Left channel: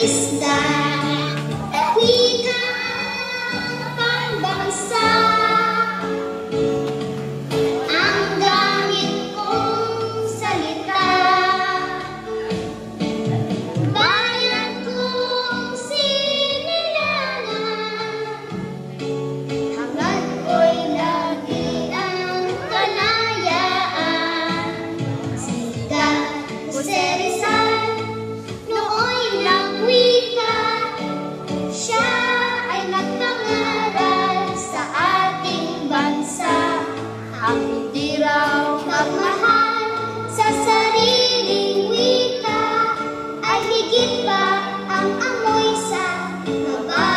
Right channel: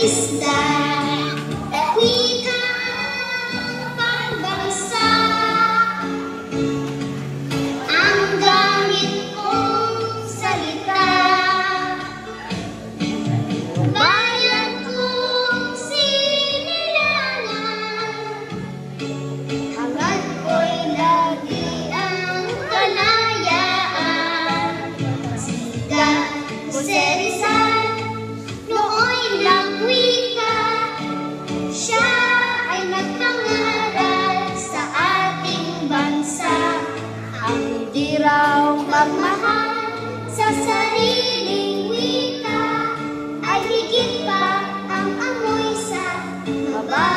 isda at wika pagbagsa. Ang gamit kong salita, bayan kong sinilangan, hangad ko'y lagi ang kalayaan. Sida Jose Rizal, nooy nagwika, siya ay nagtangaral sa ating bansa. Ang hindi raw magmahal sa sariling wika ay higit pa ang amoy sa baba.